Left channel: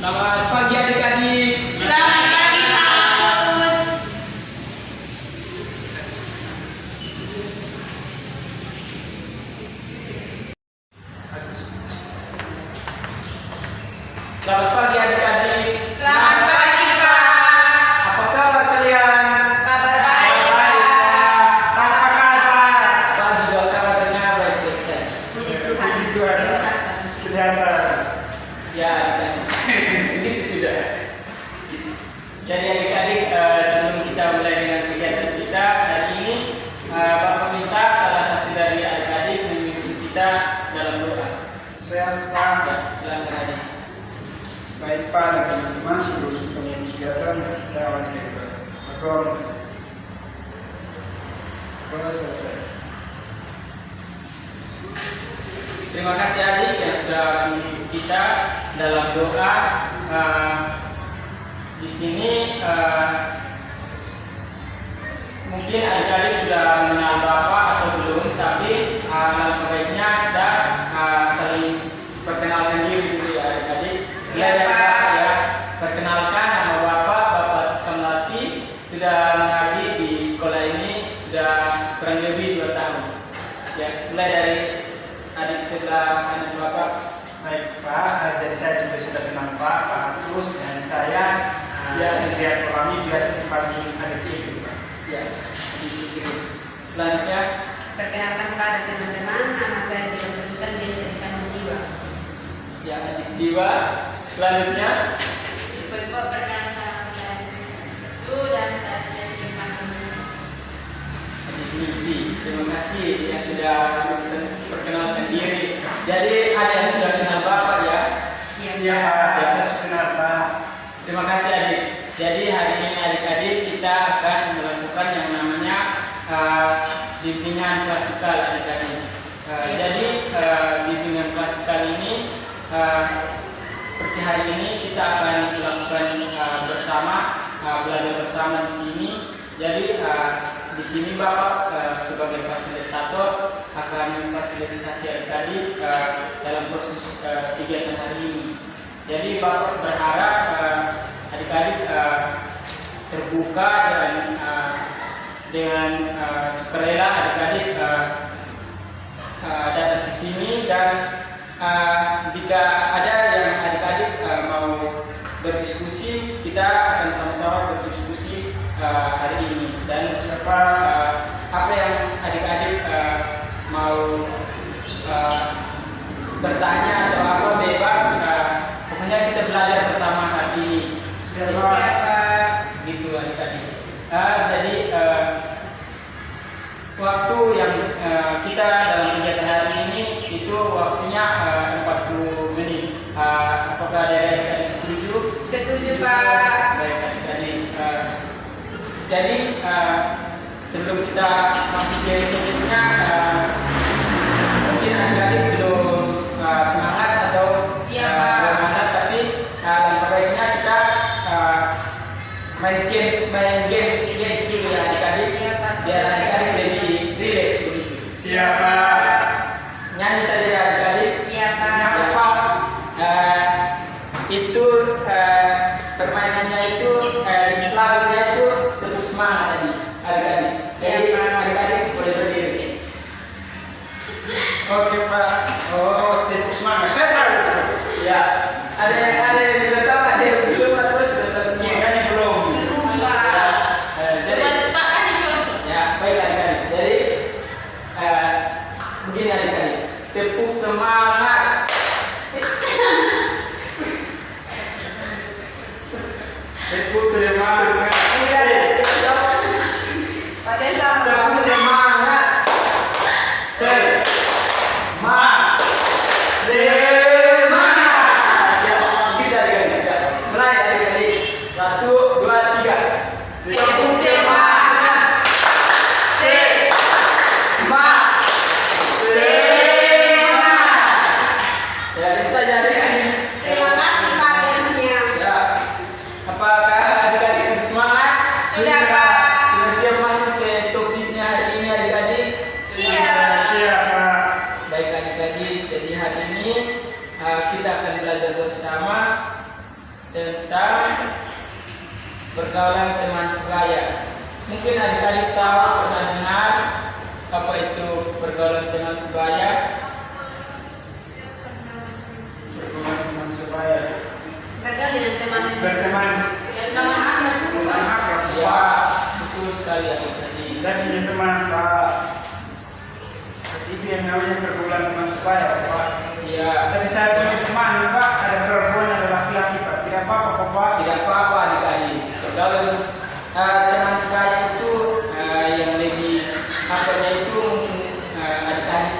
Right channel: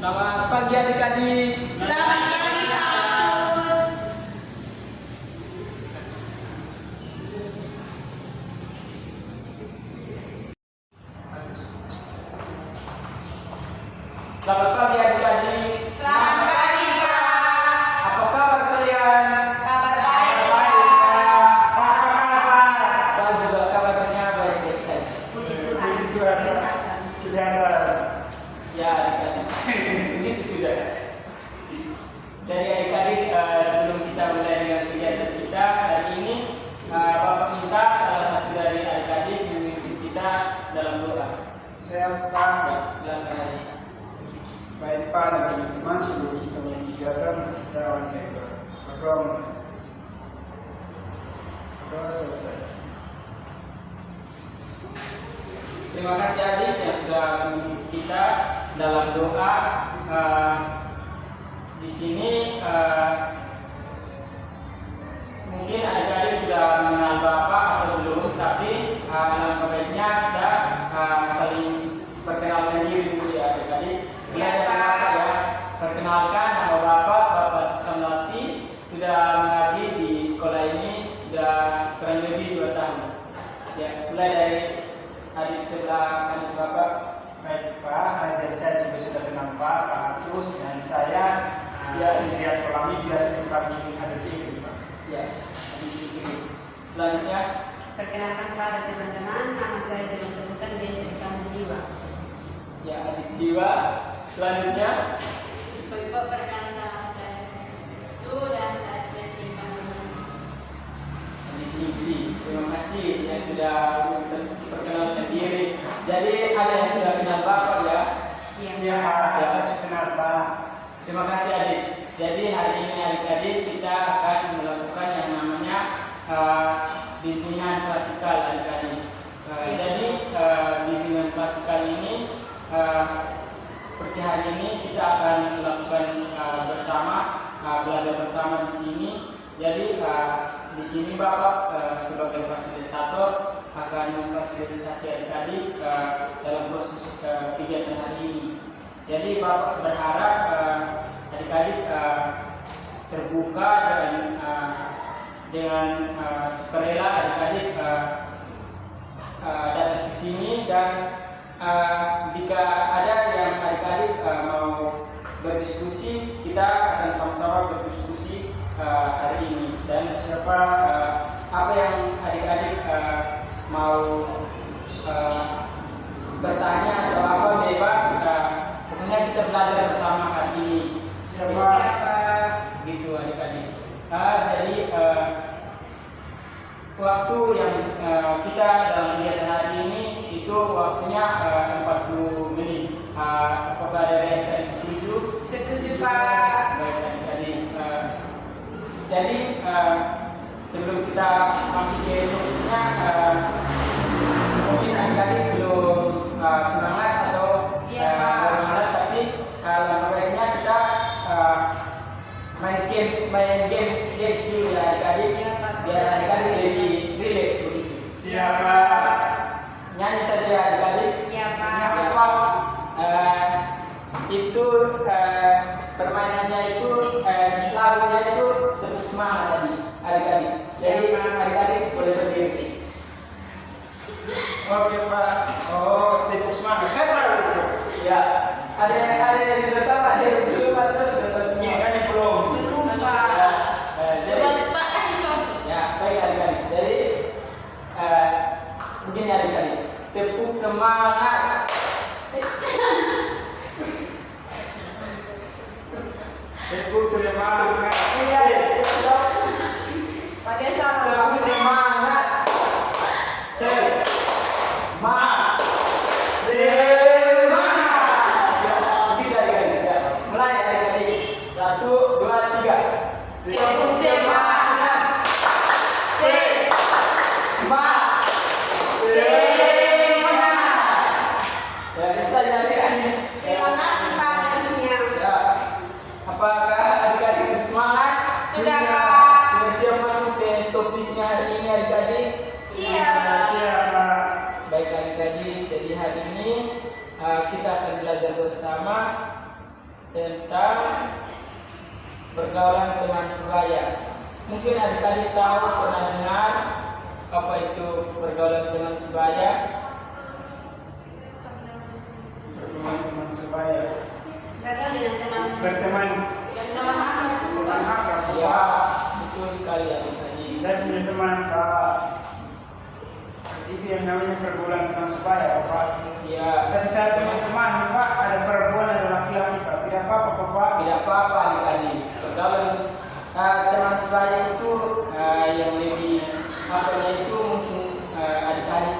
Selamat pagi adik-adik. Selamat pagi, Paus. Selamat pagi adik-adik. Selamat pagi, Pak. Apa kabar kalian? Kabar baik, Pak. Apa kabar? Saya juga kabarnya baik-baik saja. Puji Tuhan. Puji Tuhan. Kelihatan. Ya adik-adik. Begitu sudah. Jadi adik-adik, sebelum kita mulai dengan kegiatan kita hari ini, Bapak minta salah satu dari adik-adik memimpin kita dalam doa. Saya Ya, Pak. silakan adik. Baik Pak dan teman-teman, sebelum kita mulai kegiatan kita awali dengan berdoa. Doa selesai. Terima kasih adik yang sudah memimpin kita dalam doa. Di sini mungkin adik-adik sudah mengenal Bapak atau belum, tapi baiknya kita saling perkenalkan diri dulu ya adik-adik. Mulai dari Bapak ya, perkenalkan nama Bapak Tiskamlasi, sudah mengabdi di sekolah ini sudah kurang lebih 2 tahun. Ya, mulai dari adik sebelah kanan Bapak. Baik Pak, jadi saya juga sudah kenal Pak Agus dan saya Indrian Kolami biasa dipanggil adik ibu. Ya, di kiri. Selanjutnya, Perkenalkan pada teman-teman, nama saya Jiwa Kebutan, biasa dipanggil Jiwa. ya adik Jiwa. Selanjutnya, Ibu perkenalkan nama saya Su dan saya biasa dipanggil Su. adik Misi. Terima kasih yang sudah perkenalkan diri. Jadi ada yang sudah kenal Bapak ya. Iya Pak, saya sudah kenal Pak. Terima kasih adik. Jadi hari ini adik-adik kita akan melakukan yang namanya bimbingan klasikal adik-adik. Jadi bimbingan klasikal ini seperti hari ini kita akan melakukan bersama, belajar bersama di sini. Jadi di sini Bapak sebagai fasilitator akan memfasilitasi adik-adik dalam proses kegiatan hari ini. Jadi Bapak berharap adik-adik terbuka dengan sukarela adik-adik datang ke sini, dan jika ada yang adik-adik mau berdiskusi, kita akan sama-sama berdiskusi hari ini. Dan apa yang adik-adik mau bertanya atau apa bebas, pokoknya kita belajar bersama hari ini. Gitu adik-adik. Jadi waktu yang kita dalam kegiatan hari ini itu waktunya 40 menit. Apakah ada adik-adik setuju? Setuju, Pak. Baik adik-adik. Jadi sebelum kita masuk ke topiknya, mungkin adik-adik belum semangat atau Iya, Pak. bersemangat, tapi baiknya kita main games dulu ya adik-adik, Iya, Pak. biar adik-adik lebih rileks begitu. Siapa? Nyanyi saja adik-adik. Iya, Pak. Itu permainannya itu lagunya itu tetap semangat adik-adik. Jadi adik-adik boleh berdiri. Oke Pak. Oh, tepuk semangat. Saya tahu. Ya, ada yang sudah tahu, ada yang belum atau sudah tahu Ini semua. kan belum. Belum, Pak. Jadi Pak kasih contoh. ya baik adik-adik. Jadi begini adik-adik, tepuk semangat. Tepuk semangat. Pak Desa, Tepuk semangat. Semangat. Ya, kita adik-adik. Mulai adik-adik. 1, 2, 3. Tepuk semangat. Semangat. Semangat. Ya, itu saja adik-adik. Terima kasih, Pak Desa. Ya. Apakah adik-adik sudah semangat? Sudah, Pak. Sudah siap masuk ke topiknya hari ini adik-adik? Siap. Siapa? Baik adik-adik, jadi hari ini kita akan belajar bersama tentang pergaulan teman sebaya. Mungkin adik-adik tahu pernah dengar apa itu pergaulan teman sebaya? Pergaulan teman sebaya. Bergaul dengan teman Berteman. teman asas bukan. Ya, betul sekali adik-adik. Dan punya teman Pak. Itu yang namanya pergaulan teman sebaya Pak. Ya, Tapi saya punya teman Pak, ada perempuan ada laki-laki Pak. Tidak apa-apa Pak. tidak apa-apa adik-adik. Pergaulan teman sebaya itu yang lebih apanya itu mungkin adik-adik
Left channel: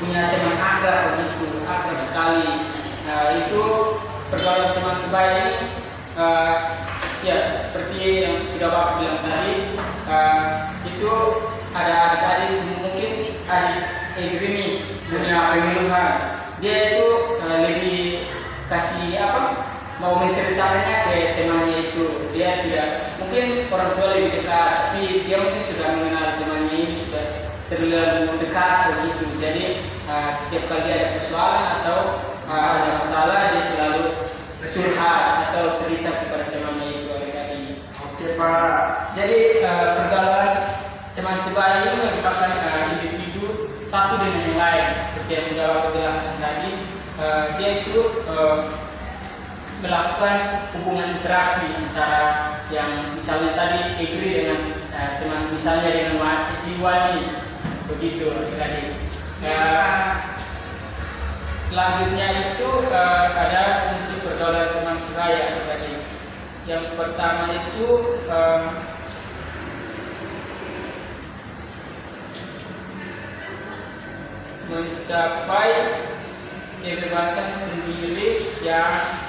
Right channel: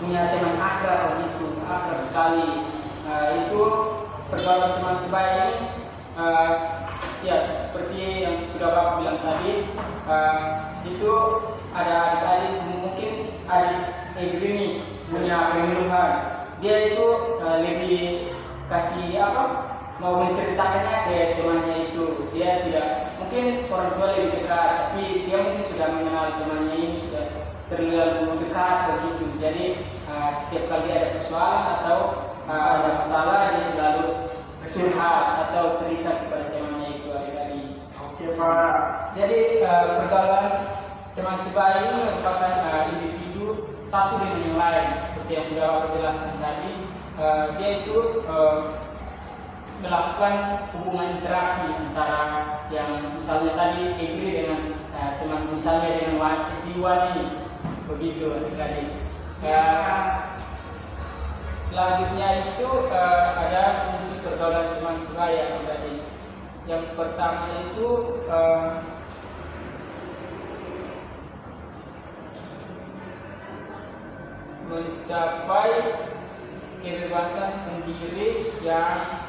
punya teman akrab begitu, akrab sekali. Itu pergaulan teman sebaya ini ya seperti yang sudah Bapak bilang tadi, itu ada adik-adik mungkin adik Egrini punya pemenuhan. Dia itu lebih kasih apa? Mau menceritakannya ke temannya itu. Dia tidak mungkin orang tua lebih dekat, tapi dia mungkin sudah mengenal temannya ini sudah terlalu dekat begitu. Jadi setiap kali ada persoalan atau ada masalah dia selalu curhat atau cerita kepada temannya itu adik-adik. Oke Pak. Jadi pergaulan teman sebaya ini merupakan individu satu dengan yang lain seperti yang sudah Bapak jelaskan tadi. Dia itu melakukan hubungan interaksi antara yang misalnya tadi Egri dengan teman misalnya dengan Jiwani begitu adik-adik. Ya, selanjutnya itu ada fungsi pergaulan teman sebaya adik-adik. Yang pertama itu mencapai kebebasan sendiri yang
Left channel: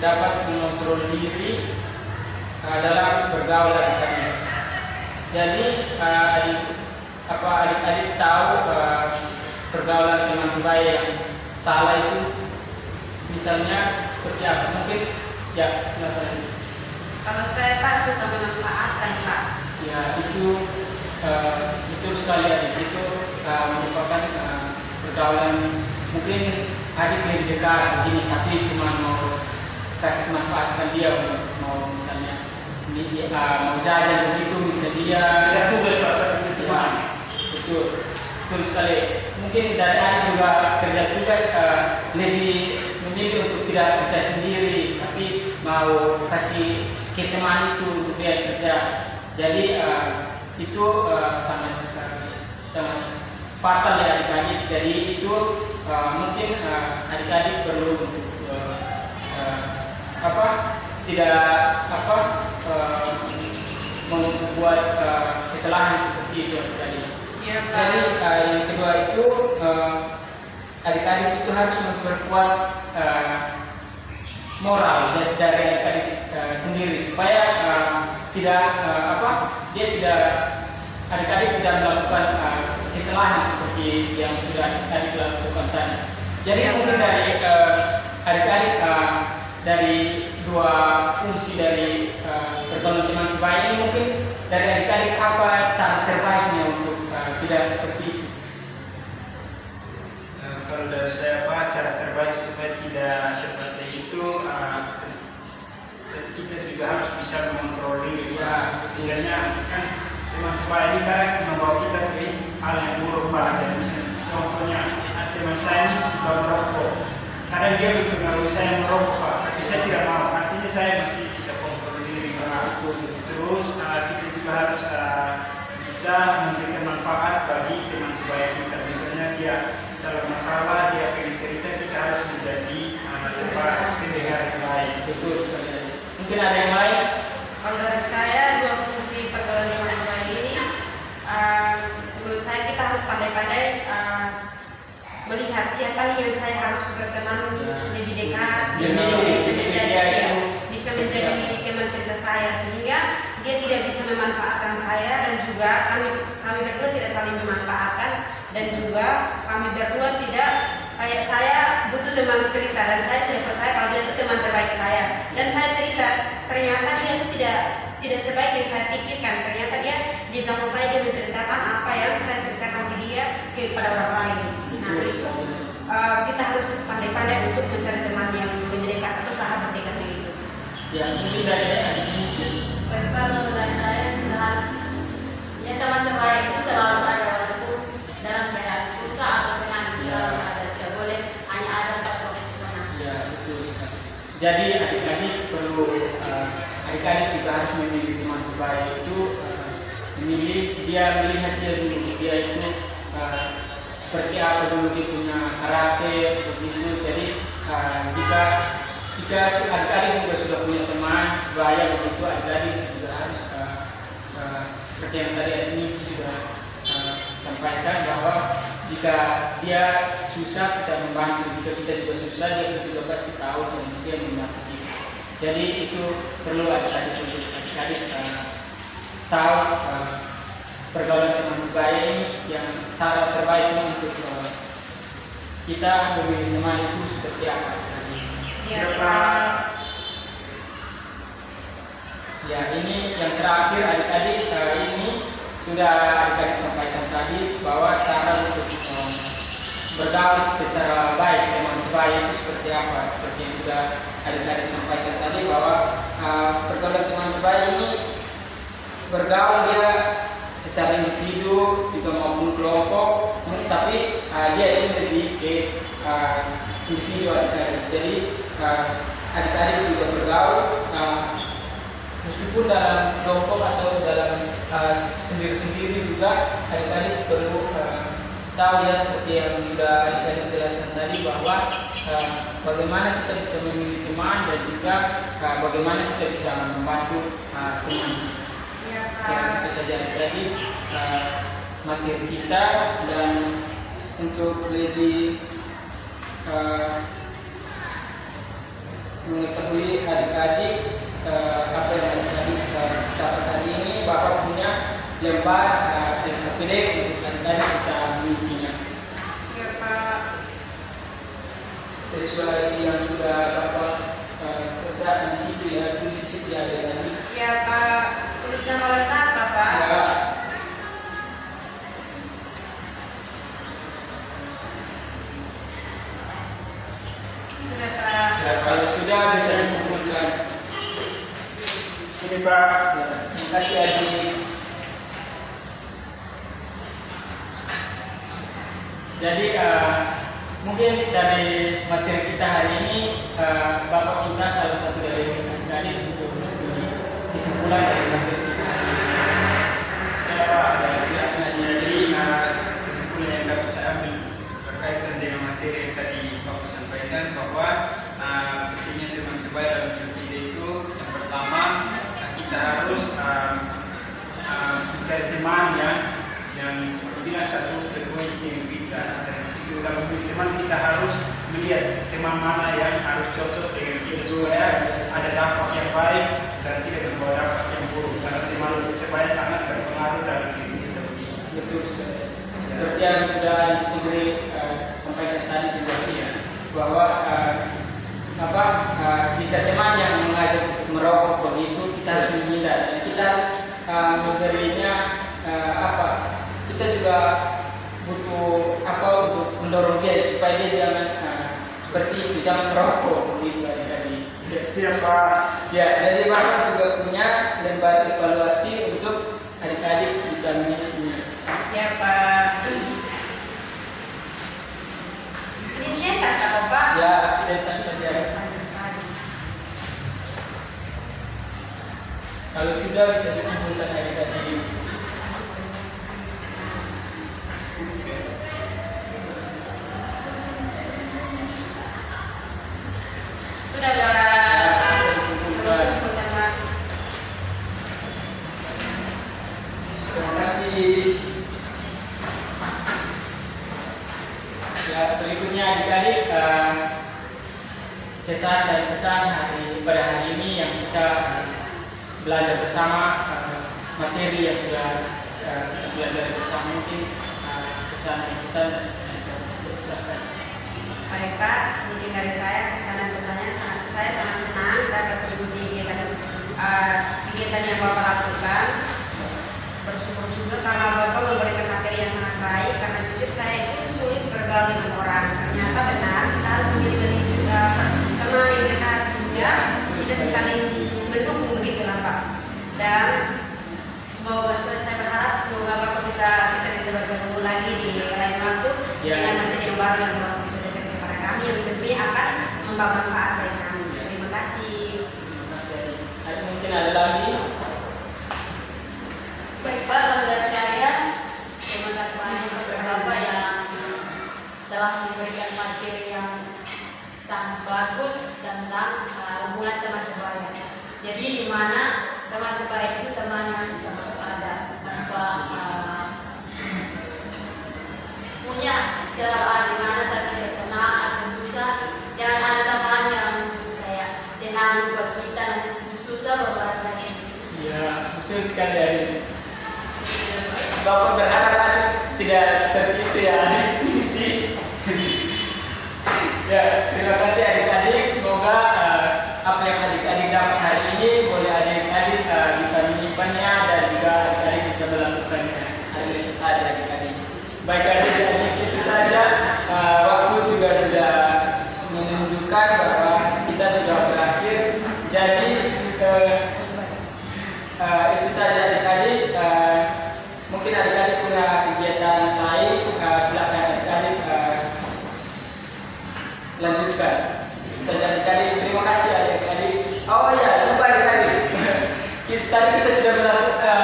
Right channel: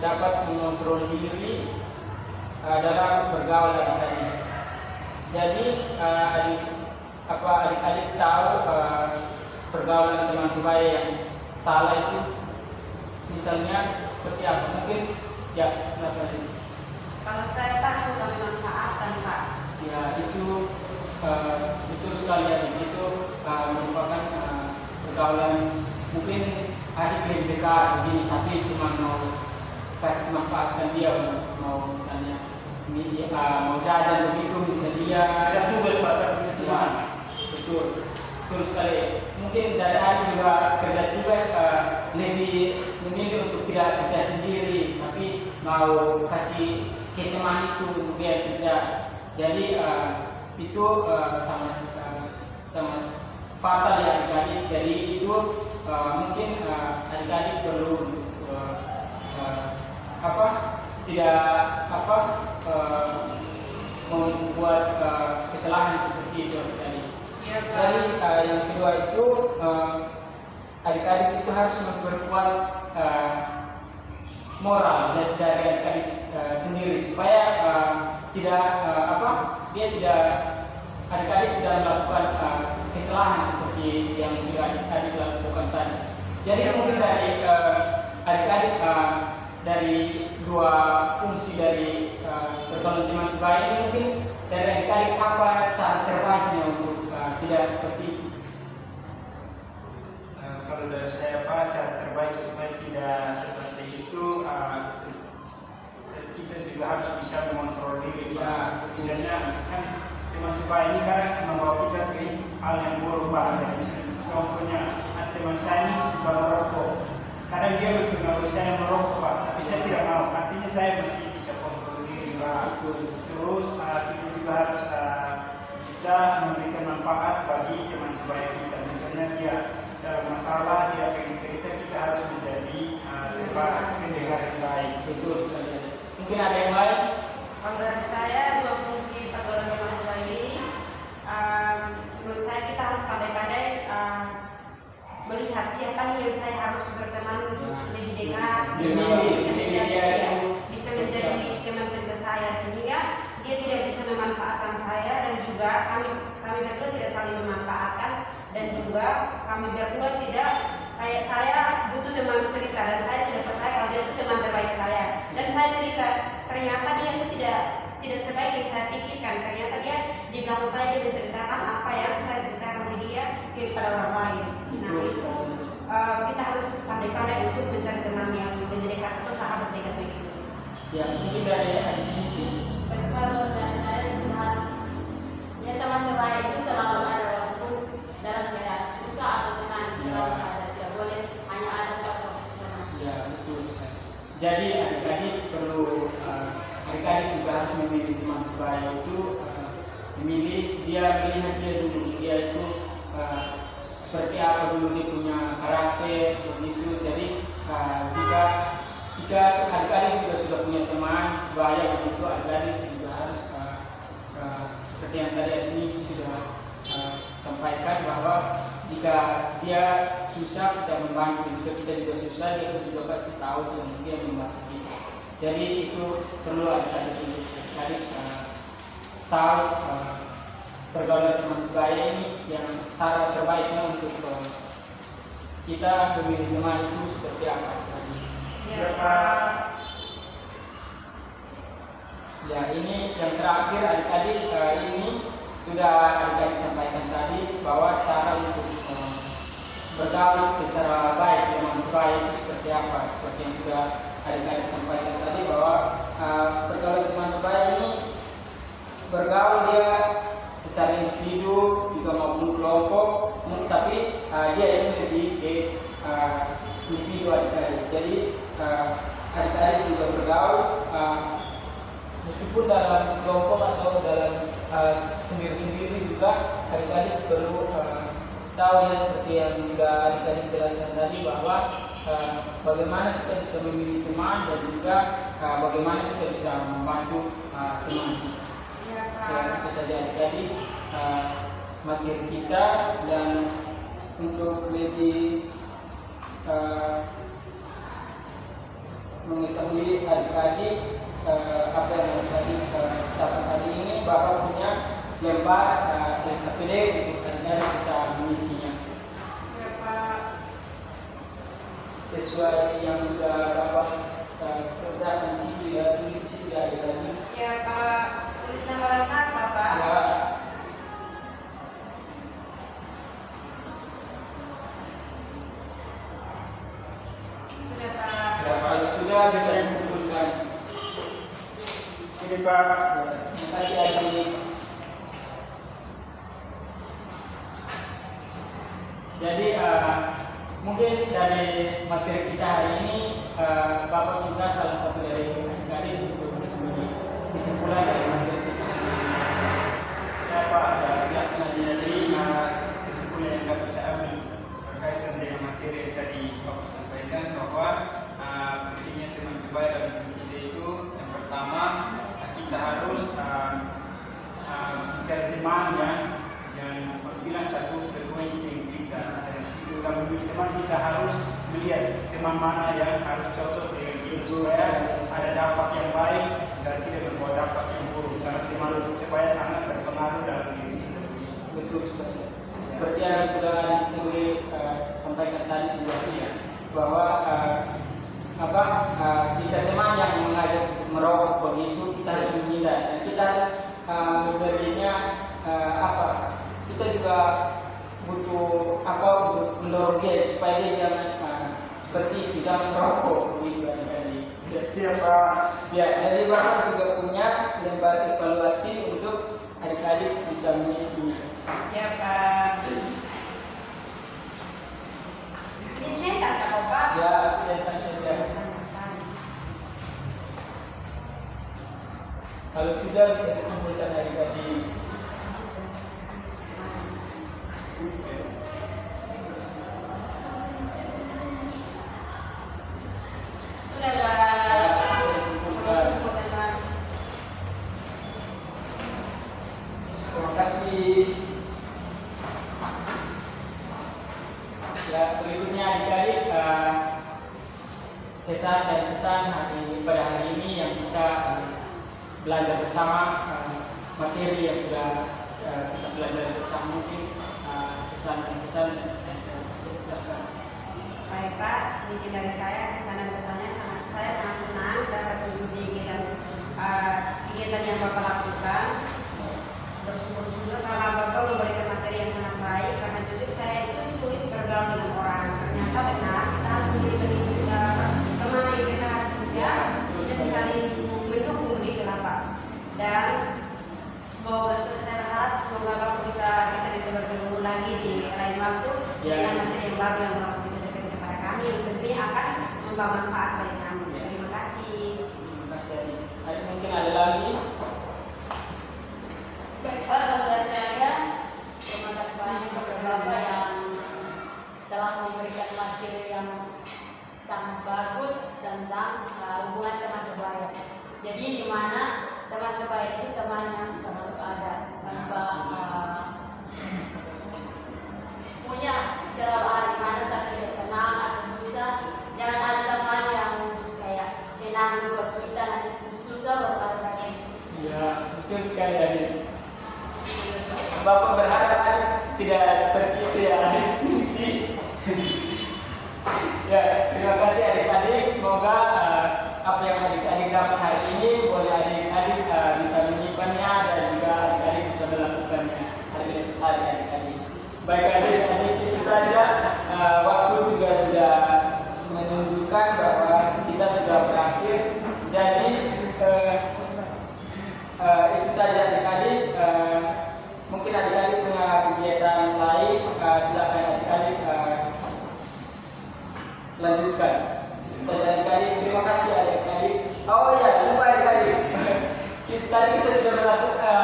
dapat mengontrol diri dalam bergaul adik-adik. Jadi adik-adik tahu pergaulan teman sebaya yang salah itu misalnya seperti apa? Mungkin ya silakan. Kalau saya tak suka memanfaatkan Pak. Ya itu betul sekali adik. Itu merupakan pergaulan mungkin adik lebih dekat begini, tapi cuma mau manfaatkan dia, mau misalnya mau jajan begitu minta dia. Tidak tugas Pak seperti itu Pak. Betul, betul sekali. Mungkin dari adik juga kerja tugas lebih memilih untuk tidak kerja sendiri, tapi mau kasih ke teman itu untuk dia kerja. Jadi itu sangat fatal ya adik-adik. Jadi itu mungkin adik-adik perlu membuat kesalahan seperti itu adik-adik. Ya, Pak. Jadi yang kedua itu adik-adik itu harus memperkuat moral dari adik-adik sendiri supaya adik-adik tidak melakukan kesalahan seperti yang sudah adik-adik lakukan tadi. Jadi mungkin dari adik-adik dari dua fungsi dari pergaulan teman sebaya ini, mungkin dari adik-adik apa cara terbaiknya untuk tidak seperti itu? Kalau dari saya Pak, cara terbaik supaya tidak seperti itu, kita juga harus bisa mengontrol diri Pak. Misalnya kan teman sebaya ini kadang membawa kita ke hal yang buruk Pak. Dan misalnya contohnya teman saya ini suka merokok. Kadang dia berpengaruh saya merokok Pak, tapi saya tidak mau. Artinya saya masih bisa kontrol diri Pak. Terus kita juga harus bisa memberikan manfaat bagi teman sebaya kita. Misalnya dia dalam masalah, dia pengen cerita, kita harus menjadi tempat pendengar yang baik. Betul sekali. Mungkin ada yang lain? Kalau dari saya dua fungsi pergaulan teman sebaya ini, menurut saya kita harus pandai-pandai melihat siapa nih yang saya harus berteman lebih dekat, bisa menjadi teman cerita saya, sehingga dia tidak bisa memanfaatkan saya, dan juga kami berdua tidak saling memanfaatkan, dan juga kami berdua tidak kayak saya butuh teman cerita dan saya sudah percaya kalau dia itu teman terbaik saya, dan saya cerita ternyata dia itu tidak sebaik yang saya pikirkan. Ternyata dia di belakang saya dia menceritakan apa yang saya ceritakan ke dia kepada orang lain. Nah itu kita harus pandai-pandai untuk mencari teman yang lebih dekat atau sahabat dekat begitu. Ya, mungkin dari adik ini sih. Baik Pak, menurut saya kita harus ya teman sebaik itu selalu ada waktu dalam menghadapi susah atau senang selalu ada, tidak boleh hanya ada pas waktu senang. Ya, betul sekali. Jadi adik-adik perlu adik-adik juga harus memilih teman sebaik itu, memilih dia, melihat dia dulu, dia itu seperti apa dulu dia punya karakter begitu. Jadi jika adik-adik juga sudah punya teman sebaya begitu, adik-adik juga harus seperti yang tadi ini sudah sampaikan, bahwa jika dia susah kita membantu, jika kita juga susah dia juga pasti tahu dan dia membantu kita. Jadi itu perlu adik-adik tahu pergaulan teman sebaya ini yang cara terbaiknya untuk kita memilih teman itu seperti apa. Ya Pak. Ya, ini yang terakhir adik-adik, ini sudah adik-adik sampaikan tadi bahwa cara untuk bergaul secara baik dengan sebaya itu seperti apa. Seperti yang sudah adik-adik sampaikan tadi, bahwa pergaulan teman sebaya ini bergaul dia secara individu juga maupun kelompok, tapi dia ini lebih ke individu adik-adik. Jadi adik-adik juga bergaul meskipun dalam kelompok atau dalam sendiri-sendiri juga, adik-adik perlu tahu ya, seperti yang sudah adik-adik jelaskan tadi, bahwa bagaimana kita bisa memilih teman dan juga bagaimana kita bisa membantu teman. Ya Ya, Pak. itu saja adik-adik materi kita, dan untuk lebih mengetahui adik-adik apa yang adik-adik dapat hari ini, Bapak punya lembar LKPD untuk adik-adik bisa mengisinya Ya Pak. sesuai yang sudah Bapak kerjakan di situ ya, tulis di situ ya adik-adik. Ya Pak. Tulis nama lengkap Pak. Ya, Sudah Pak. ya, kalau sudah bisa dikumpulkan. Ini Pak. Ya, terima kasih adik. Jadi mungkin dari materi kita hari ini Bapak minta salah satu dari adik-adik untuk memberi kesimpulan dari materi kita hari ini. Siapa? Ya, silakan Jadi adik-adik. kesimpulan yang dapat saya ambil berkaitan dengan materi yang tadi Bapak sampaikan, bahwa pentingnya teman sebaya dalam hidup kita itu, yang pertama kita harus mencari teman yang berbeda satu frekuensi dengan kita. Dan itu kalau memilih teman, kita harus melihat teman mana yang harus cocok dengan kita supaya ada dampak yang baik dan tidak membawa dampak yang buruk. Karena teman sebaya sangat berpengaruh dalam diri kita. Betul sekali. Seperti yang sudah diberi sampaikan tadi juga, Iya. bahwa jika teman yang mengajak untuk merokok begitu, kita harus menghindar. Dan kita harus memberinya kita juga butuh untuk mendorong dia supaya dia jangan seperti itu, jangan merokok begitu adik-adik. Siapa? Ya, jadi Bapak juga punya lembar evaluasi untuk adik-adik bisa mengisinya. Ya Pak. Ini cetak sama Pak. Ya, kita saja. Kalau sudah bisa dikumpulkan adik-adik. Sudah Pak. Ya, bisa dikumpulkan. Sudah Pak. Terima kasih. Ya, berikutnya adik-adik kesan dan pesan pada hari ini yang kita belajar bersama, materi yang sudah kita belajar bersama, mungkin kesan dan pesan silakan. Baik Pak, mungkin dari saya kesan dan pesannya saya sangat senang dapat mengikuti kegiatan yang Bapak lakukan. Bersyukur juga karena Bapak memberikan materi yang sangat baik, karena jujur saya itu sulit bergaul dengan orang. Ternyata semoga Bapak kita bisa bertemu lagi di lain waktu Ya. dengan materi yang baru yang Bapak bisa berikan kepada kami yang tentunya akan membawa manfaat bagi kami. Terima kasih. Terima kasih Adi. Adi, mungkin ada lagi? Baik Pak, kalau dari saya terima kasih banyak kepada Bapak yang telah memberikan materi yang sangat bagus tentang hubungan teman sebaya. Jadi di mana teman sebaya itu teman yang selalu ada tanpa punya selalu ada di mana saat kita senang atau susah. Jangan ada teman yang kayak senang buat kita nanti susah beberapa lagi. Ya, betul sekali Adi. Bapak berharap Adi tidak seperti itu ya Adi. Sih. Ya, terima kasih adik-adik. Semoga apa yang adik-adik dapat hari ini boleh adik-adik bisa menyimpannya dan juga adik-adik bisa melakukannya. Itu saja adik-adik. Baik adik-adik, itu saja. Waktu juga sudah menunjukkan bahwa kita sudah berakhir. Jadi itu saja adik-adik. Mungkin adik-adik punya kegiatan lain, silakan adik-adik lanjutkan. Saja adik-adik, terima kasih adik-adik. Oh ya, lupa adik-adik. Tadi kita sudah melakukan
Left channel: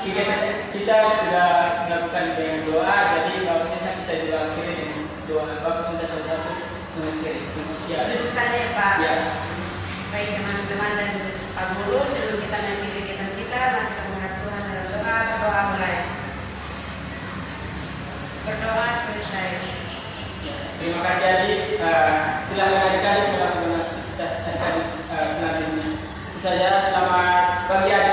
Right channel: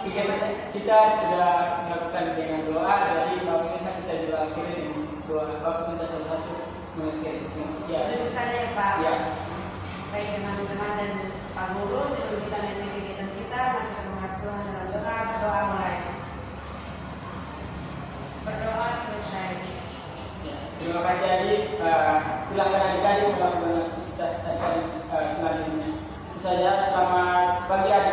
kegiatan, kita sudah melakukan dengan doa. Jadi Bapak minta kita juga akhiri dengan doa. Bapak minta satu-satu mengakhiri. Ya. Itu saja ya Pak. Ya. Baik teman-teman dan Pak Guru, sebelum kita mengakhiri kegiatan kita, mari kita menghadap Tuhan dalam doa. Berdoa mulai. Berdoa selesai. Terima kasih adik. Silakan adik-adik melakukan aktivitas adik-adik selanjutnya. Itu saja. Selamat pagi adik.